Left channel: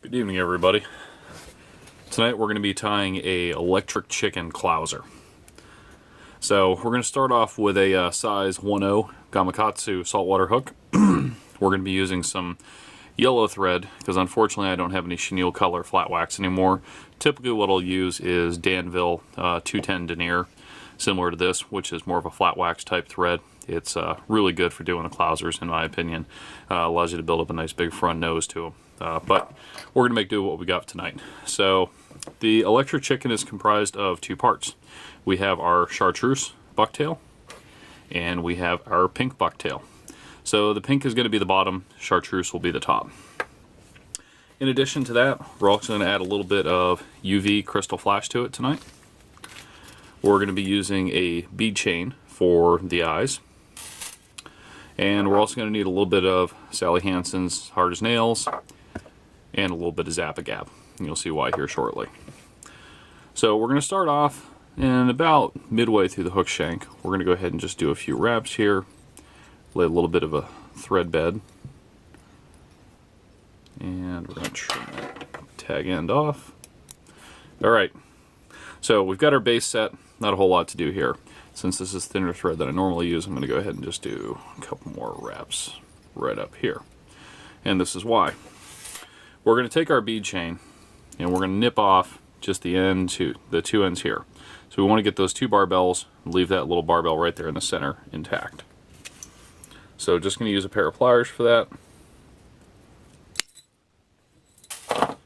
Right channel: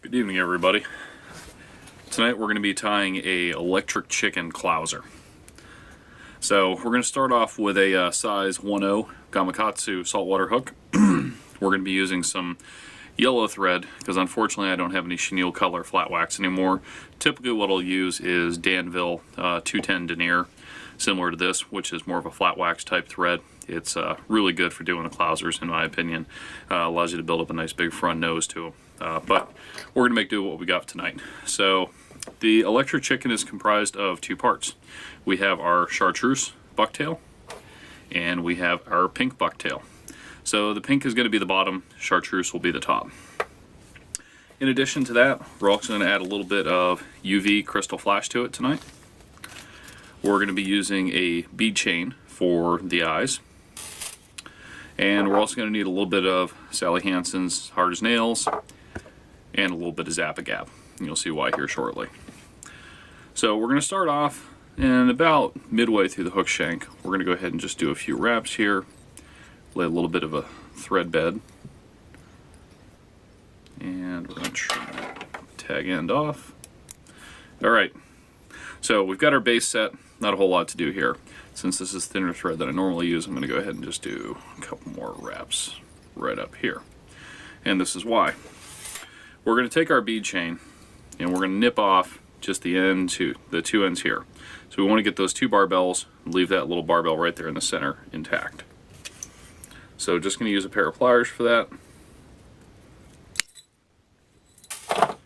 Good evening, everybody. Tonight we're going to be tying a electric chicken clouser. So we're going to start off with a size 1/0 Gamakatsu saltwater hook. We're going to be using some yellow thread because unfortunately I don't have any chenille color flat wax anymore. Typically what I'll use is Danville 210 denier, similar to this, which is more of a flat wax type thread. It's really good for doing the clousers, in my opinion. Allows you to build up a nice big front nose to them. But we're going to make do with what we got tonight. So the electric chicken is comprised of two parts. We have our chartreuse bucktail and we have our pink bucktail. So the pink is going to be the bottom, chartreuse will be the top. In addition to that, we're also going to add a little bit of UV crystal flash to it tonight. We're going to be using a bead chain for the eyes. And we're also going to need a little bit of Sally Hansen's Hard as Nails and a little bit of Zap-A-Gab. You'll see why here shortly. So we're going to start off, and about midway through the hook shank, we're going to go ahead and just do a few wraps here, lay a little bit of a thread bed, and we're going to try tag end off. Alright, so we've got our base set, not a whole lot to do here. Since this is thinner thread that I normally use, I'm going to go ahead and just do a couple more wraps right up here. And this is why. We're going to take our bead chain and we're going to nip off just the two ends here. So we want to get those two barbells and leave that little barbell right there in the center intact. So just going to use a pair of pliers for that.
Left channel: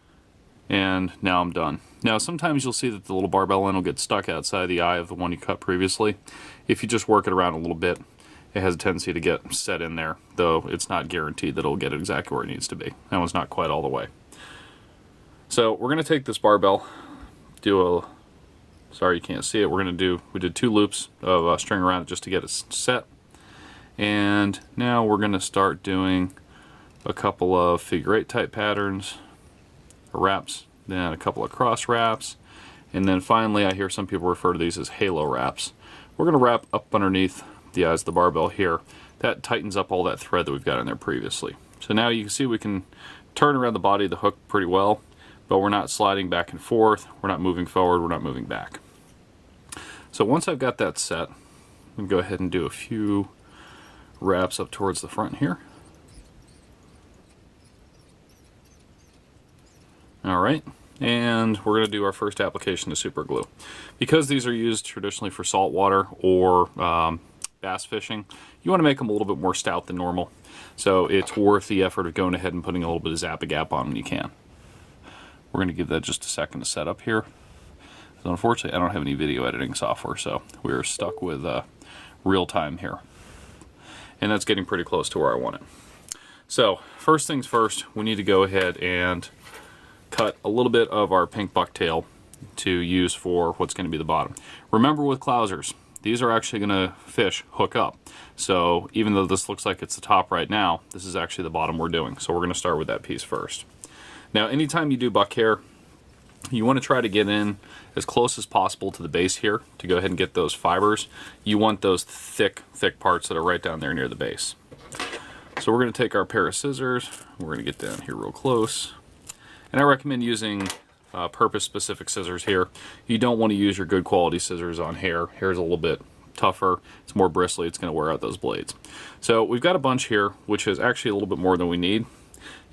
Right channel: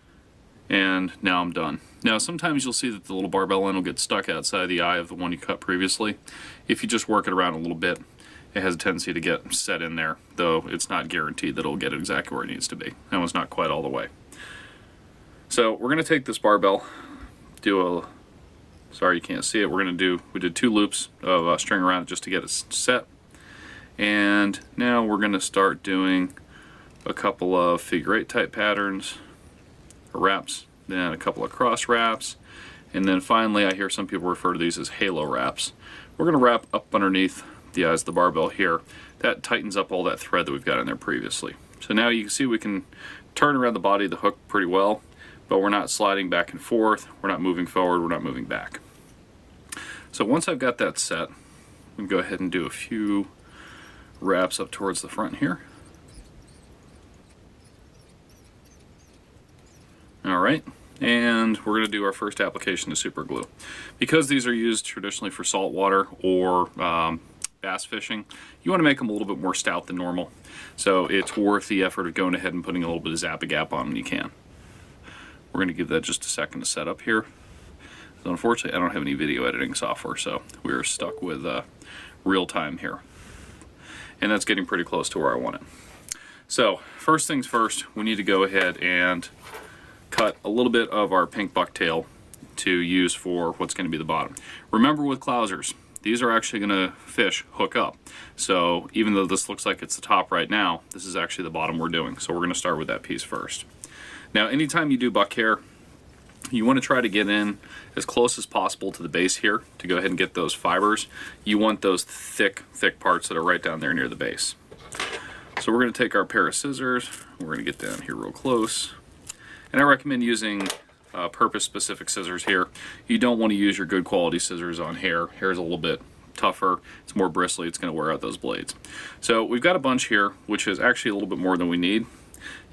And now I'm done. Now sometimes you'll see that the little barbell end will get stuck outside the eye of the one you cut previously. If you just work it around a little bit, it has a tendency to get set in there, though it's not guaranteed that it'll get exactly where it needs to be. That one's not quite all the way. So we're going to take this barbell, sorry you can't see it, we did 2 loops of string around it just to get it set. And now we're going to start doing a couple of figure 8 type patterns, wraps, then a couple of cross wraps, and then finally I hear some people refer to these as halo wraps. We're going to wrap up underneath the eyes of the barbell here. That tightens up all that thread that we've got in there previously. So now you can see we can turn around the body of the hook pretty well, but we're not sliding back and forth, we're not moving forward, we're not moving back. So once I've got that set, I'm going to go ahead and do a few wraps up towards the front here. Alright, and we're going to do our first application of super glue. Because these are used traditionally for saltwater or bass fishing, you want to make them a little bit more stout than normal. So it's worth the effort of going ahead and putting a little bit of Zap-A-Gab on when you can. We're going to give that just a second to set up here. So unfortunately, I don't have any video editing software, so we're stuck with real time here. And that's getting pretty close to where I want it. So first things first, we need to go ahead and cut a little bit of our pink bucktail to use for what's going to be the bottom. Remember with clousers, these are actually going to hook up. So even though this looks like it's the top right now, this is actually the bottom we're doing. So we're going to start with that piece first. Now anytime you do buck hair, you want to try to get in as close as possible to the base here to go ahead and get those fibers. You want those thick parts that are right down there near the base. So we're going to take our pair of scissors, we're going to get down here real close. And I recommend using purpose-specific scissors here. You don't want to use your good quality scissors on hair. Hair is a little bit tougher, it's more bristly, it's going to wear out those blades. So we've got a bunch here, which is actually a little bit more than we need.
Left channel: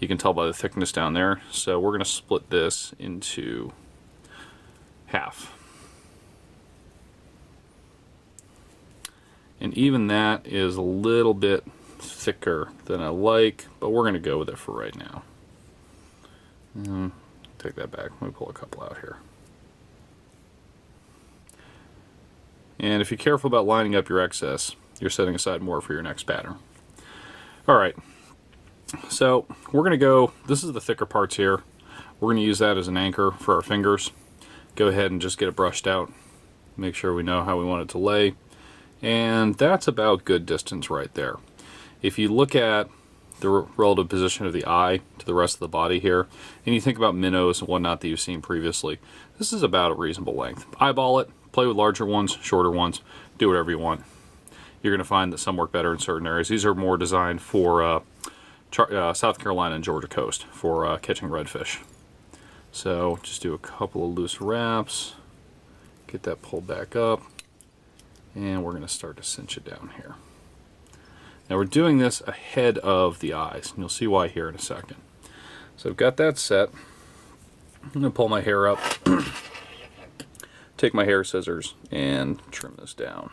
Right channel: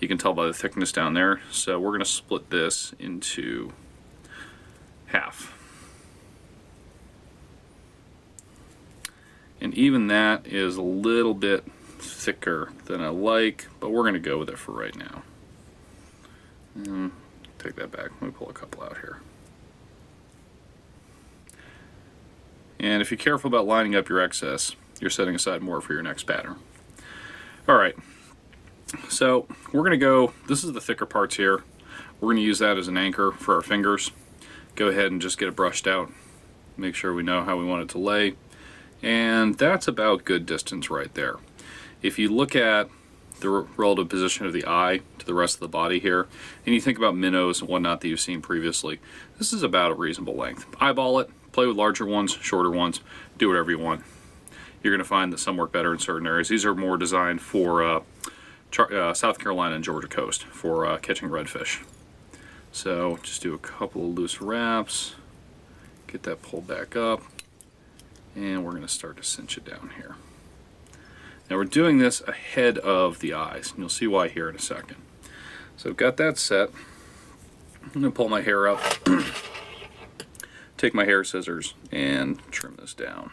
You can tell by the thickness down there. So we're going to split this into half. And even that is a little bit thicker than I like, but we're going to go with it for right now. Take that back. Let me pull a couple out here. And if you're careful about lining up your excess, you're setting aside more for your next pattern. Alright, so we're going to go, this is the thicker parts here. We're going to use that as an anchor for our fingers. Go ahead and just get it brushed out. Make sure we know how we want it to lay. And that's about good distance right there. If you look at the relative position of the eye to the rest of the body here, and you think about minnows and whatnot that you've seen previously, this is about a reasonable length. Eyeball it, play with larger ones, shorter ones, do whatever you want. You're going to find that some work better in certain areas. These are more designed for South Carolina and Georgia coast for catching redfish. So just do a couple of loose wraps, get that pulled back up, and we're going to start to cinch it down here. Now we're doing this ahead of the eyes, and you'll see why here in a second. So I've got that set. I'm going to pull my hair up, take my hair scissors, and trim this down.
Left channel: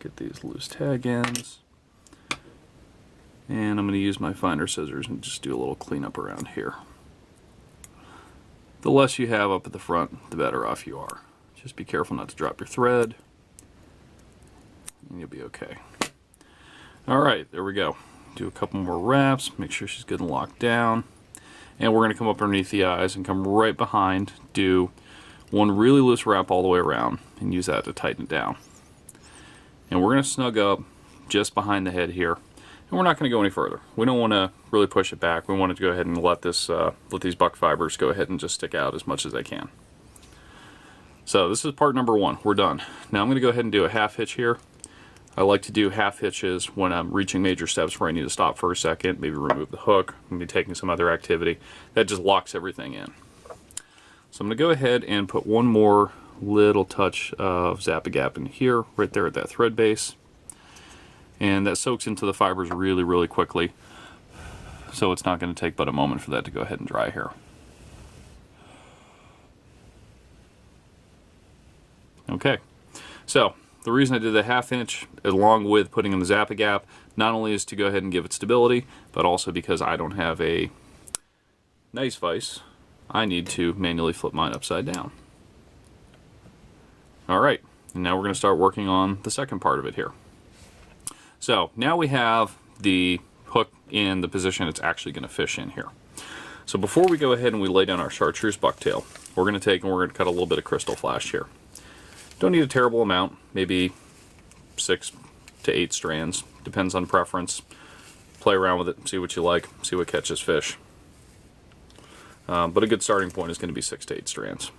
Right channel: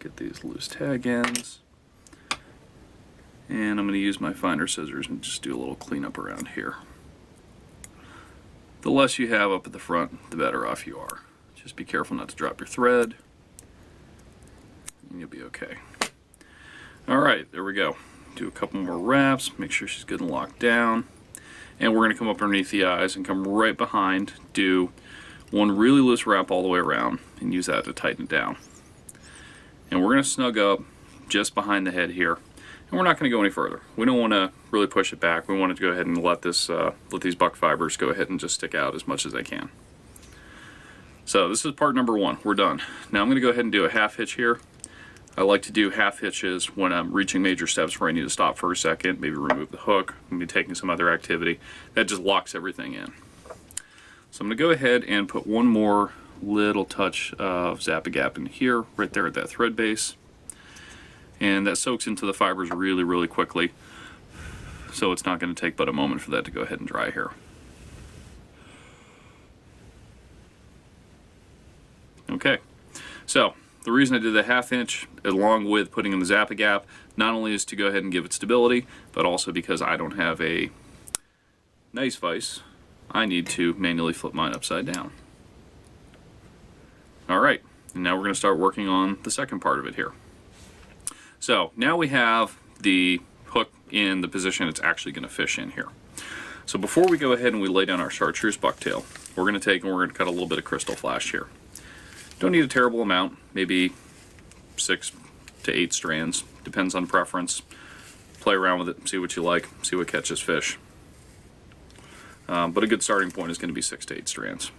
Get these loose tag ends. And I'm going to use my finer scissors and just do a little cleanup around here. The less you have up at the front, the better off you are. Just be careful not to drop your thread, and you'll be okay. Alright, there we go. Do a couple more wraps, make sure she's good and locked down. And we're going to come up underneath the eyes and come right behind, do one really loose wrap all the way around, and use that to tighten it down. And we're going to snug up just behind the head here. And we're not going to go any further. We don't want to really push it back. We want to go ahead and let these buck fibers go ahead and just stick out as much as they can. So this is part number one. We're done. Now I'm going to go ahead and do a half hitch here. I like to do half hitches when I'm reaching major steps where I need to stop for a second, maybe remove the hook, maybe taking some other activity. That just locks everything in. So I'm going to go ahead and put one more little touch of Zap-A-Gap in here, right there at that thread base. And that soaks into the fibers really, really quickly. So it's not going to take but a moment for that to go ahead and dry here. Okay, so the reason I did the half inch along with putting in the Zap-A-Gap not only is to go ahead and give it stability, but also because I don't have a nice vise, I need to manually flip mine upside down. Alright, and now we're going to start working on the second part of it here. So now we have the hook in the position it's actually going to fish in here. So before we go ahead and we lay down our chartreuse bucktail, we're going to take and we're going to cut a little bit of crystal flash here. Don't need a terrible amount, maybe 6 to 8 strands, depends on preference. Play around with it, see what you like, see what catches fish. But a good starting point is going to be 6 to 8 strands.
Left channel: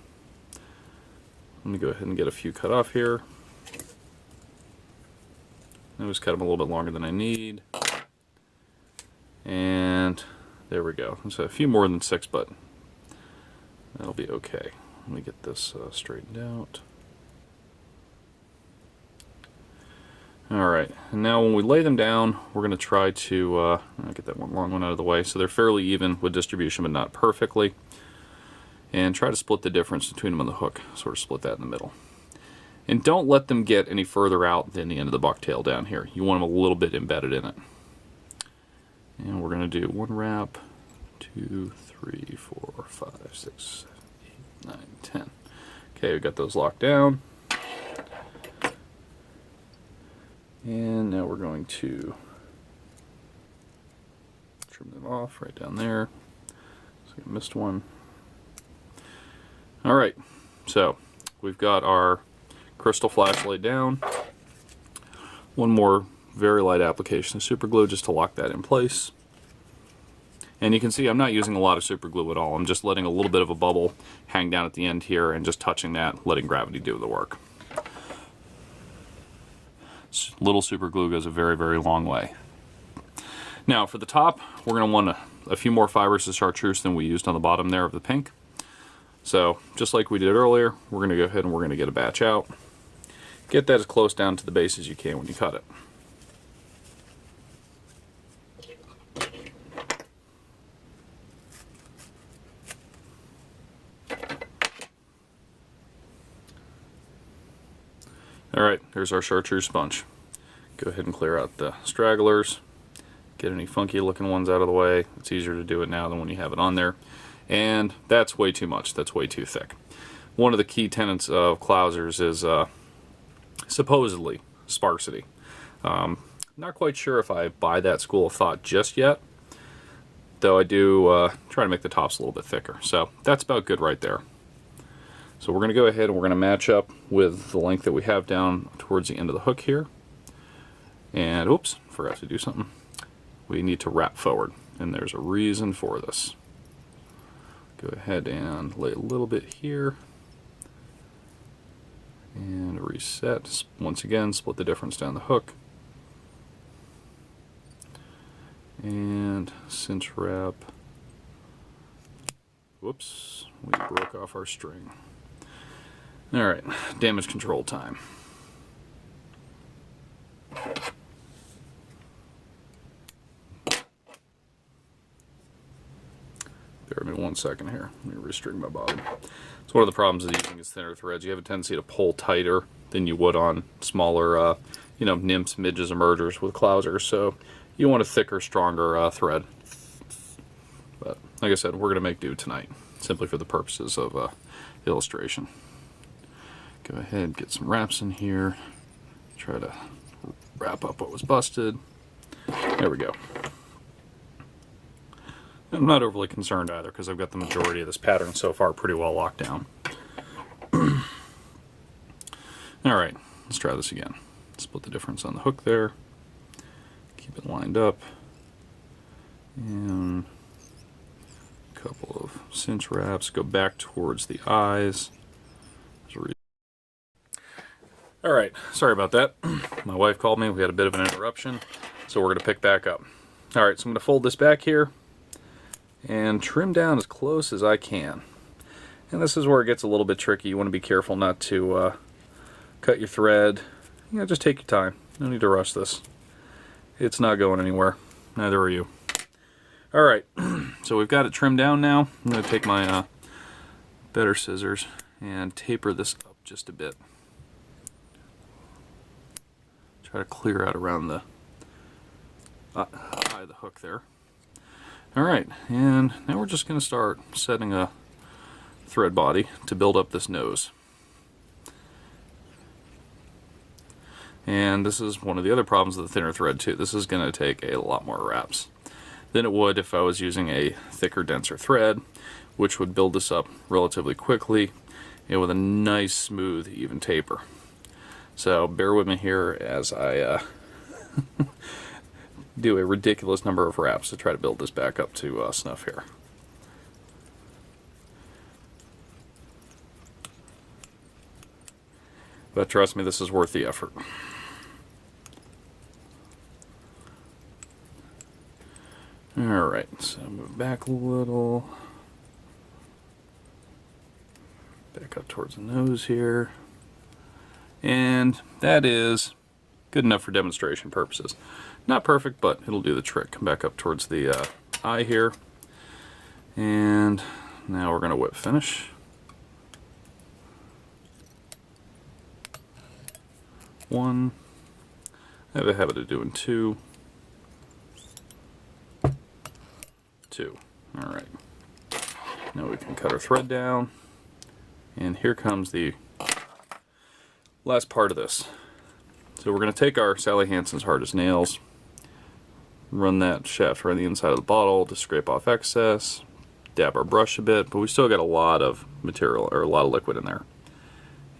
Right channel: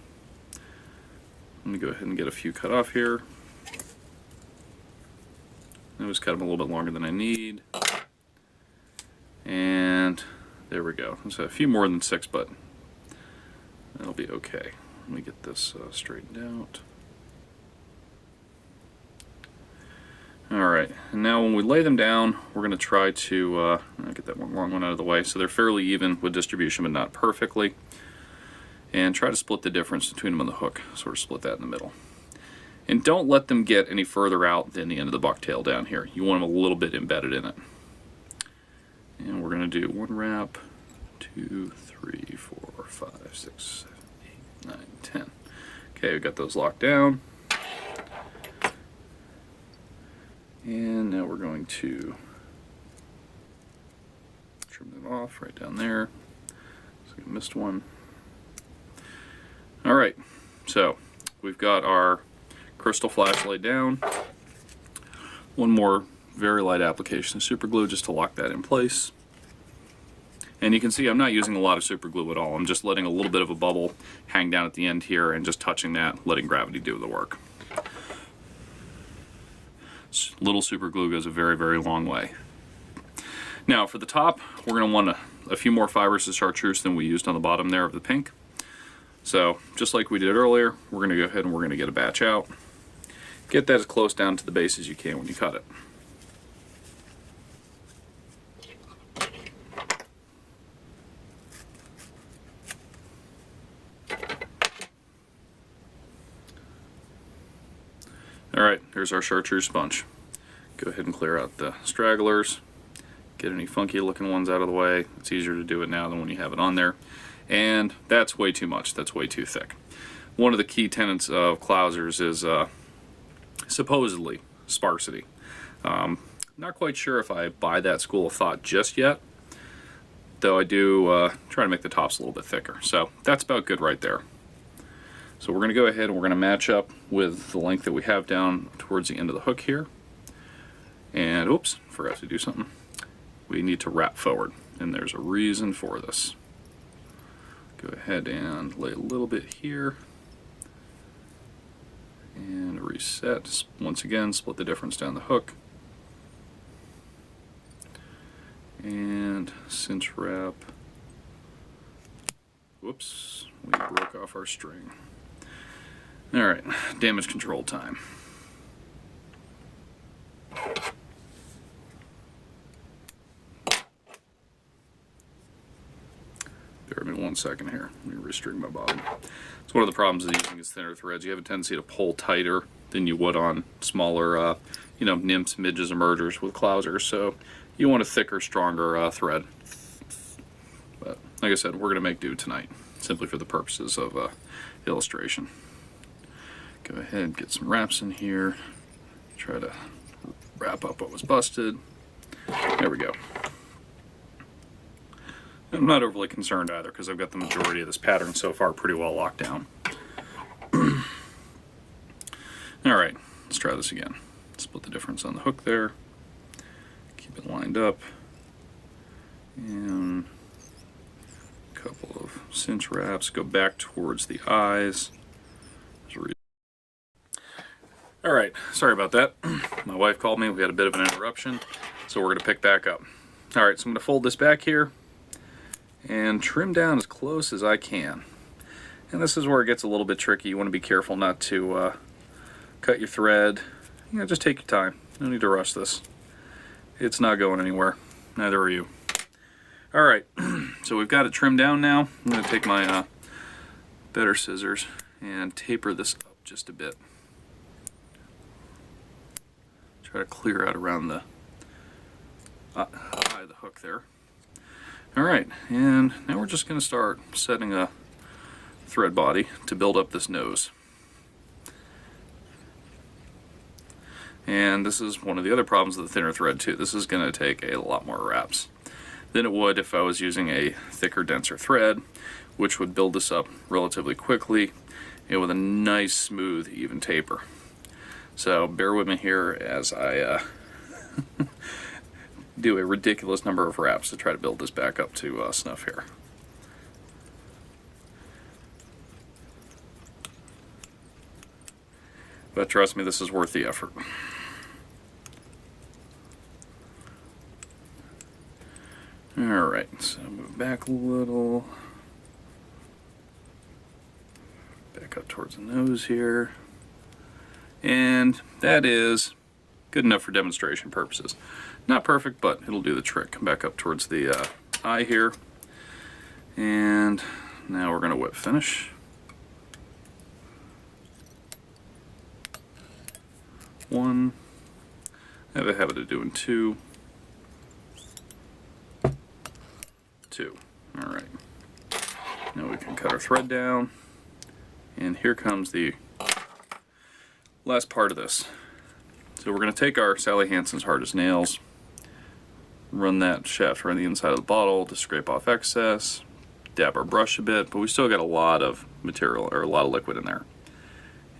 Let me go ahead and get a few cut off here. I always cut them a little bit longer than I need. And there we go. So a few more than 6, but that'll be okay. Let me get this straightened out. Alright, and now when we lay them down, we're going to try to get that one long one out of the way so they're fairly even with distribution but not perfectly. And try to split the difference between them on the hook, sort of split that in the middle. And don't let them get any further out than the end of the bucktail down here. You want them a little bit embedded in it. And we're going to do 1 wrap, 2, 3, 4, 5, 6, 7, 8, 9, 10. Okay, we've got those locked down. And now we're going to trim them off right down there. So I missed one. Alright, so we've got our crystal flash laid down. One more very light application of super glue just to lock that in place. And you can see I'm not using a lot of super glue at all. I'm just letting a little bit of a bubble hang down at the end here and just touching that, letting gravity do the work. Little super glue goes a very, very long way. Now for the top, we're going to want a few more fibers of chartreuse than we used on the bottom there of the pink. So just like we did earlier, we're going to go ahead and we're going to get a batch out. Get that as close down to the base as you can when you cut it. Alright, there's our chartreuse bunch. Go ahead and clear out the stragglers. Get any funky looking ones out of the way. It's easier to do it now than when you have it on there. And that's way too much. That's way too thick. One of the key tenets of Clousers is supposedly sparsity. Not quite sure if I buy that school of thought just yet, though I do try to make the tops a little bit thicker. So that's about good right there. So we're going to go ahead and we're going to match up with the length that we have down towards the end of the hook here. And oops, forgot to do something. We need to wrap forward, and there's a reason for this. Go ahead and lay a little bit here. And reset. Once again, split the difference down the hook. And cinch wrap. Whoops, we broke off our string. Alright, damage control time. Bear with me 1 second here. Let me restring my bottom. So one of the problems of using these thinner threads, you have a tendency to pull tighter than you would on smaller, nymphs, midges, and mergers with Clousers. So you want a thicker, stronger thread. But like I said, we're going to make do tonight, simply for the purposes of illustration. Go ahead and get some wraps in here. Try to wrap up what was busted. There we go. I'm not overly concerned either because I've got the majority of this pattern so far pretty well locked down. Alright, let's try this again. Split the difference on the hook there. Keep it lined up. And a couple of cinch wraps. Go back towards the eyes. Alright, sorry about that. My wife called me. We had a bit of an interruption. So we're going to pick back up. Alright, so I'm going to fold this back here and trim down as close as I can. And this is where it gets a little bit tricky. You want to be careful not to cut your thread. Just take your time. No need to rush this. It's not going anywhere. Neither are you. Alright, so we've got it trimmed down now. I'm going to take my better scissors and taper this up just a bit. Try to clear out around the eye of the hook there. Alright, and now we're just going to start setting a thread body to build up this nose. And this is one of the other problems with the thinner thread too. This is going to take a lot more wraps than it would if I was using a thicker, denser thread, which would build this up relatively quickly and with a nice, smooth, even taper. So bear with me here as I do a ridiculous number of wraps to try to build this back up to snuff here. But trust me, this is worth the effort. Alright, so move back a little. Back up towards the nose here. And that is good enough for demonstration purposes. Not perfect, but it'll do the trick. Come back up towards the eye here. And now we're going to whip finish. One. I have a habit of doing two. Two. Alright. Now we can cut our thread down. And here comes the last part of this. So we're going to take our Sally Hansen's Hard as Nails, run that shaft around the inside of the bottle to scrape off excess, dab our brush a bit, but we still got a lot of material, or a lot of liquid in there.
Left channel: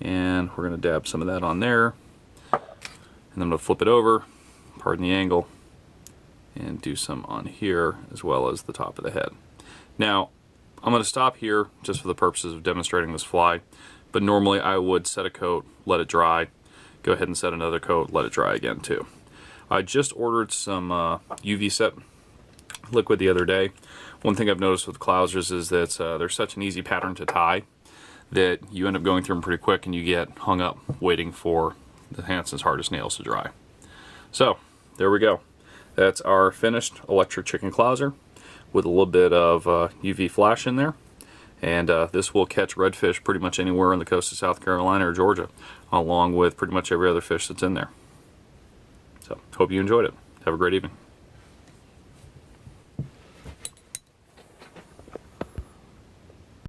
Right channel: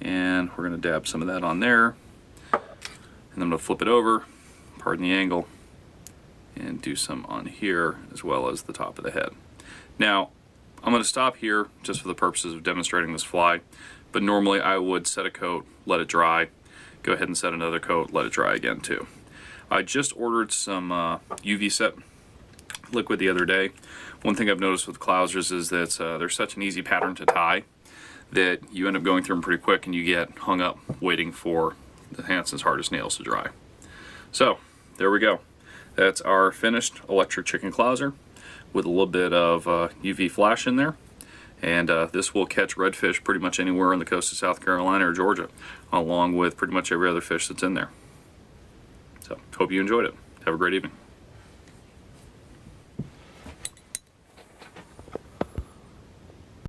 And we're going to dab some of that on there, and then I'm going to flip it over, pardon the angle, and do some on here as well as the top of the head. Now, I'm going to stop here just for the purposes of demonstrating this fly, but normally I would set a coat, let it dry, go ahead and set another coat, let it dry again too. I just ordered some UV set liquid the other day. One thing I've noticed with Clousers is that they're such an easy pattern to tie that you end up going through them pretty quick and you get hung up waiting for the Hansen's Hard as Nails to dry. So, there we go. That's our finished electric chicken Clouser with a little bit of UV flash in there. And this will catch redfish pretty much anywhere on the coast of South Carolina or Georgia, along with pretty much every other fish that's in there. So, hope you enjoyed it. Have a great evening.